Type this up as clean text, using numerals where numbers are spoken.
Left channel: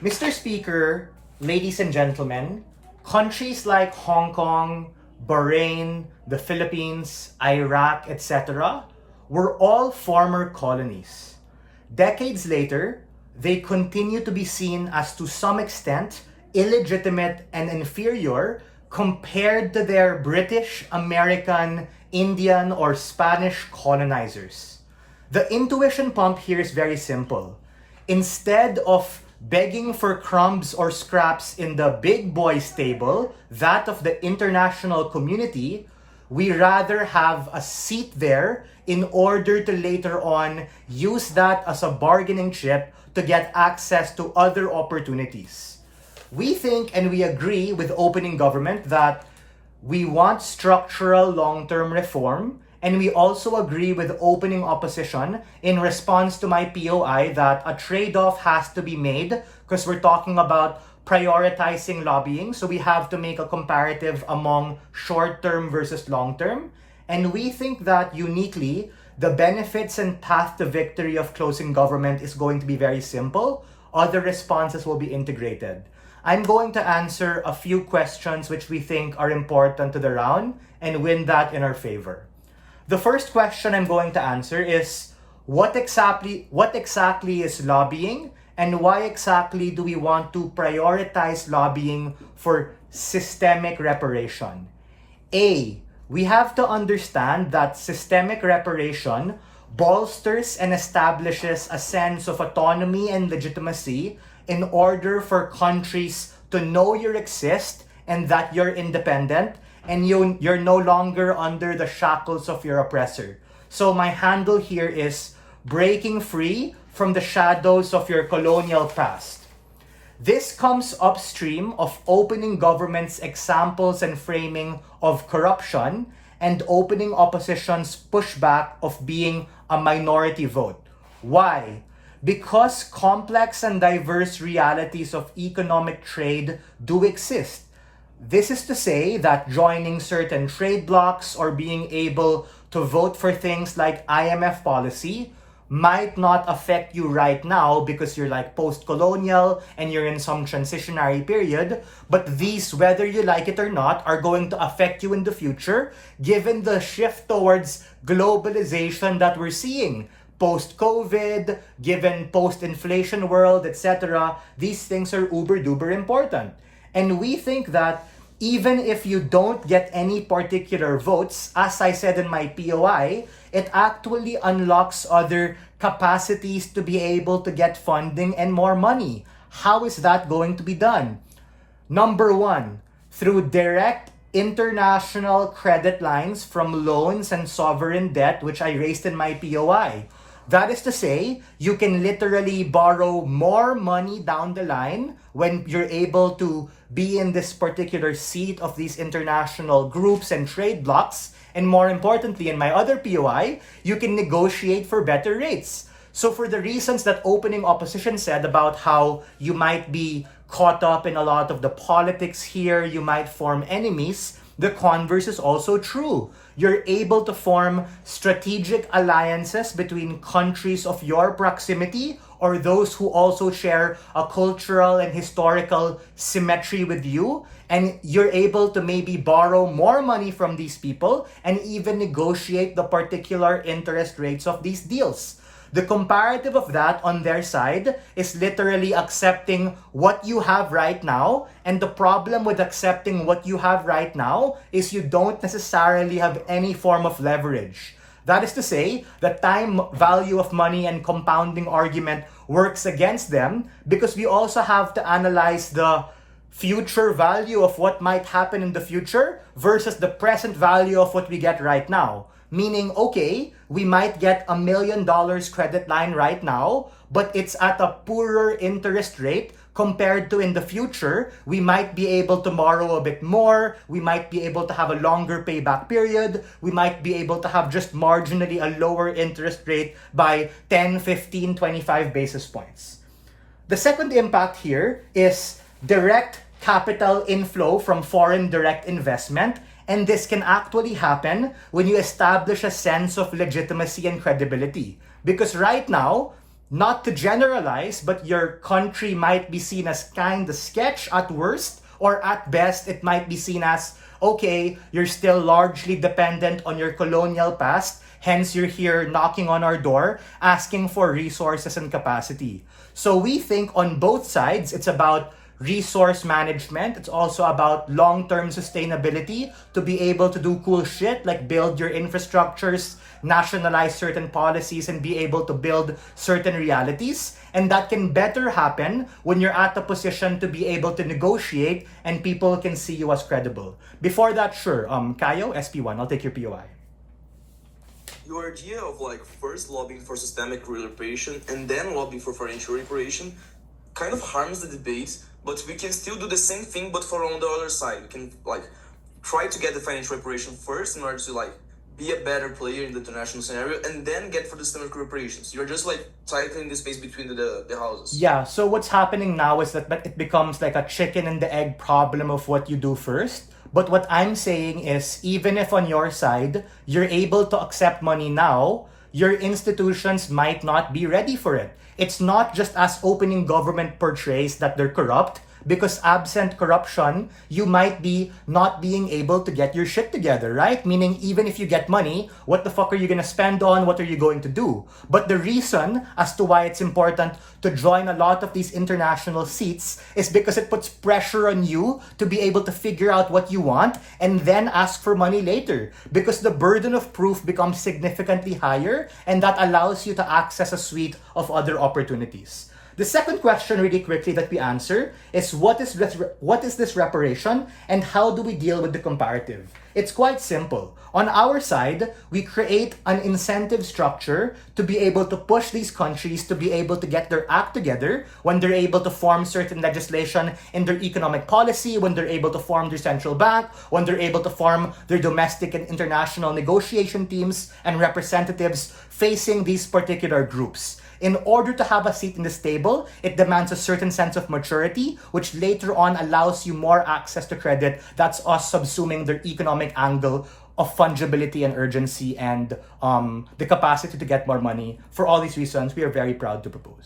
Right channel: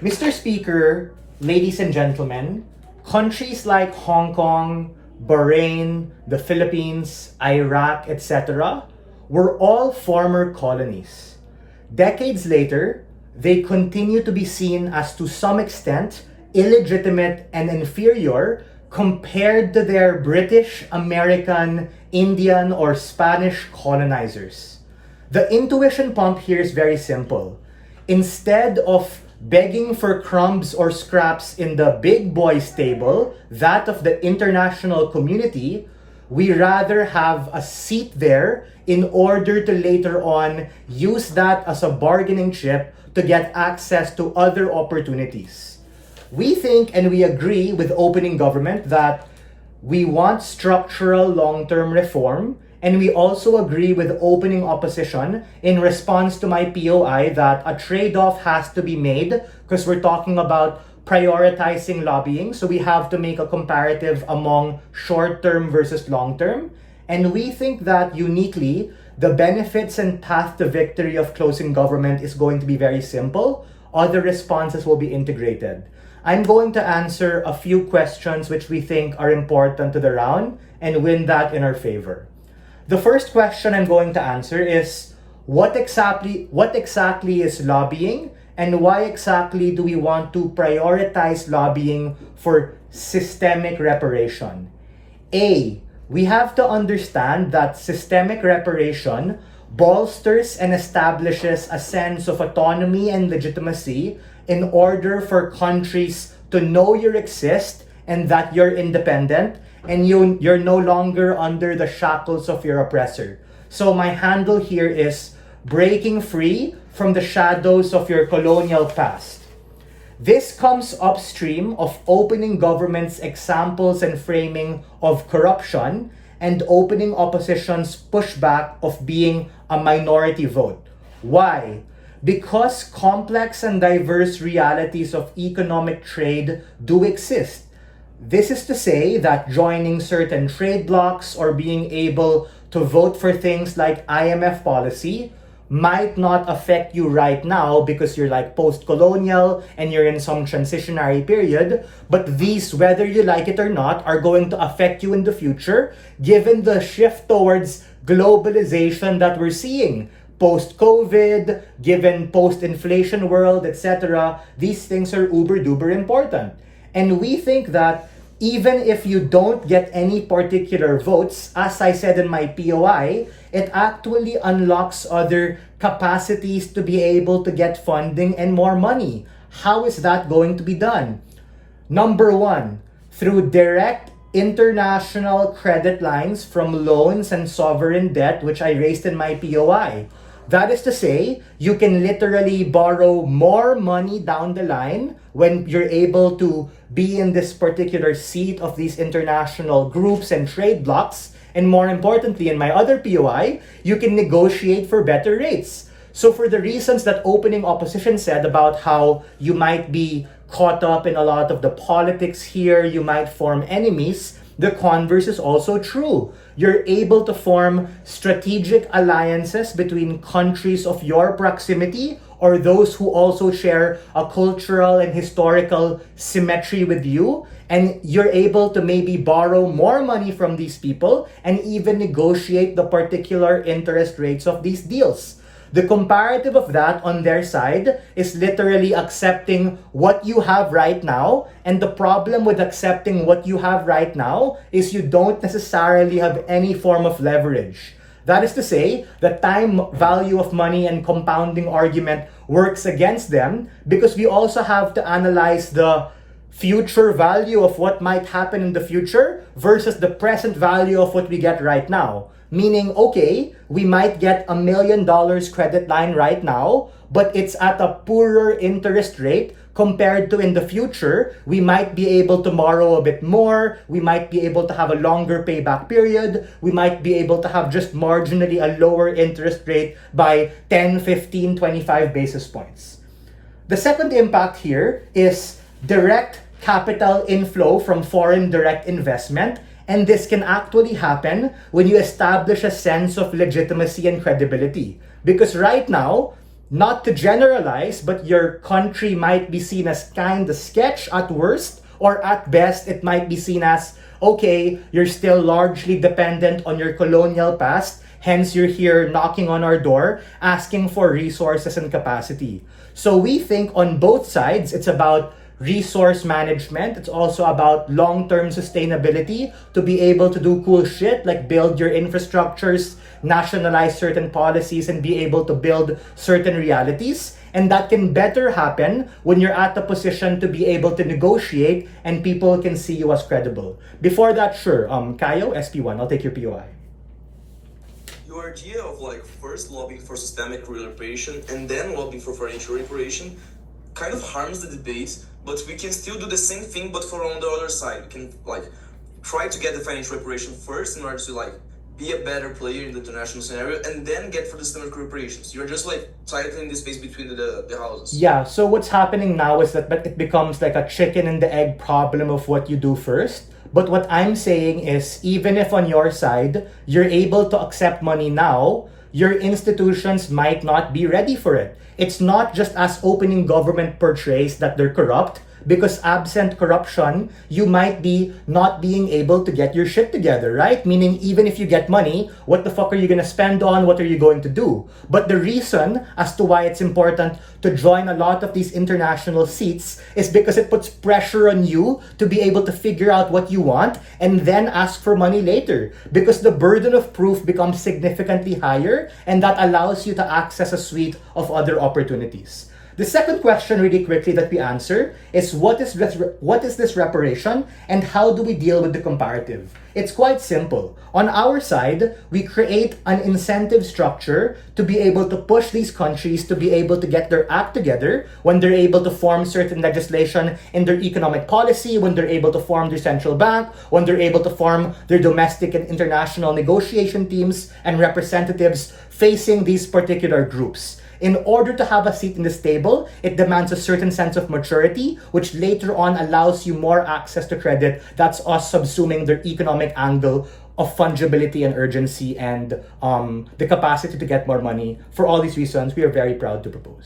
Mr. Speaker, ladies and gentlemen, countries like Hong Kong, Bahrain, the Philippines, Iraq, etc. were all former colonies. Decades later, they continue to be seen as to some extent illegitimate and inferior compared to their British, American, Indian, or Spanish colonizers. The intuition pump here is very simple. Instead of begging for crumbs or scraps in the big boys table, that of the international community, we rather have a seat there in order to later on use that as a bargaining chip to get access to other opportunities. We think and we agree with opening government that we want structural long-term reform, and we also agree with opening opposition in response to my POI that a trade-off has to be made because we're talking about prioritizing lobbying. So we have to make a comparative among short-term versus long-term. And we think that uniquely, the benefits and path to victory of closing government is going to be very simple. Other responses will be integrated. I'm going to answer a few questions which we think are important to the round and win that in our favor. The first question I'm going to answer is, what exactly is lobbying, and why exactly do we want to prioritize lobbying for systemic reparation? A, we have to understand that systemic reparation bolsters and establishes a sense of autonomy and legitimacy in order for countries to know you exist and that you're independent and you're no longer under the shackles of your oppressor. So my handle here is breaking free from the shadows of your colonial past. This comes upstream of opening government's examples and framing of corruption and opening opposition's pushback of being a minority vote. Why? Because complex and diverse realities of economic trade do exist. This is to say that joining certain trade blocs or being able to vote for things like IMF policy might not affect you right now because you're like post-colonial and you're in some transitionary period, but these, whether you like it or not, are going to affect you in the future given the shift towards globalization that we're seeing. Post-COVID, given post-inflation world, etc., these things are uber-duper important. And we think that even if you don't get any particular votes, as I said in my POI, it actually unlocks other capacities to be able to get funding and more money. How is that going to be done? Number one, through direct international credit lines from loans and sovereign debt, which I raised in my POI. That is to say, you can literally borrow more money down the line when you're able to be in this particular seat of these international groups and trade blocs. And more importantly, in my other POI, you can negotiate for better rates. So for the reasons that opening opposition said about how you might be caught up in a lot of the politics here, you might form enemies, the converse is also true. You're able to form strategic alliances between countries of your proximity or those who also share a cultural and historical symmetry with you. And you're able to maybe borrow more money from these people and even negotiate the particular interest rates of these deals. The comparative of that on their side is literally accepting what you have right now. And the problem with accepting what you have right now is you don't necessarily have any form of leverage. That is to say, the time value of money and compounding argument works against them because we also have to analyze the future value of what might happen in the future versus the present value of what we get right now. Meaning, okay, we might get $1 million credit line right now, but it's at a poorer interest rate compared to in the future. We might be able to borrow a bit more. We might be able to have a longer payback period. We might be able to have just marginally a lower interest rate by 10, 15, 25 basis points. The second impact here is direct capital inflow from foreign direct investment. And this can actually happen when you establish a sense of legitimacy and credibility. Because right now, not to generalize, but your country might be seen as kind of sketch at worst, or at best, it might be seen as, okay, you're still largely dependent on your colonial past, hence you're here knocking on our door, asking for resources and capacity. So we think on both sides, it's about resource management. It's also about long-term sustainability to be able to do cool shit like build your infrastructures, nationalize certain policies, and be able to build certain realities. And that can better happen when you're at a position to be able to negotiate and people can see you as credible. Before that, sure, Kayo, SP1, I'll take your POI. Your idea of like first lobbying for systemic reparation and then lobbying for financial reparation kind of harms the debate, but we can still do the same thing but for on the other side. We can like try to get the financial reparation first in order to like be a better player in the international scenario and then get for the systemic reparations. You're just like tightening the space between the houses. Yeah, so what's happening now is that it becomes like a chicken and the egg problem of what you do first. But what I'm saying is, even if on your side, you're able to accept money now, your institutions might not be ready for it. It's not just as opening government portrays that they're corrupt, because absent corruption, you might be not being able to get your shit together, right? Meaning, even if you get money, what the fuck are you gonna spend on? What are you going to do? But the reason as to why it's important to join a lot of these international seats is because it puts pressure on you to be able to figure out what you want and then ask for money later. Because the burden of proof becomes significantly higher, and that allows you to access a suite of other opportunities. The second question, really quickly, that we answer is what is this reparation and how do we deal with the comparative? It's quite simple. On our side, we create an incentive structure to be able to push these countries to be able to get their act together when they're able to form certain legislation in their economic policy, when they're able to form their central bank, when they're able to form their domestic and international negotiation teams and representatives facing these particular groups. In order to have a seat in this table, it demands a certain sense of maturity, which later on allows you more access to credit. That's us subsuming their economic angle of fungibility and urgency and the capacity to get more money. For all these reasons, we are very proud to propose.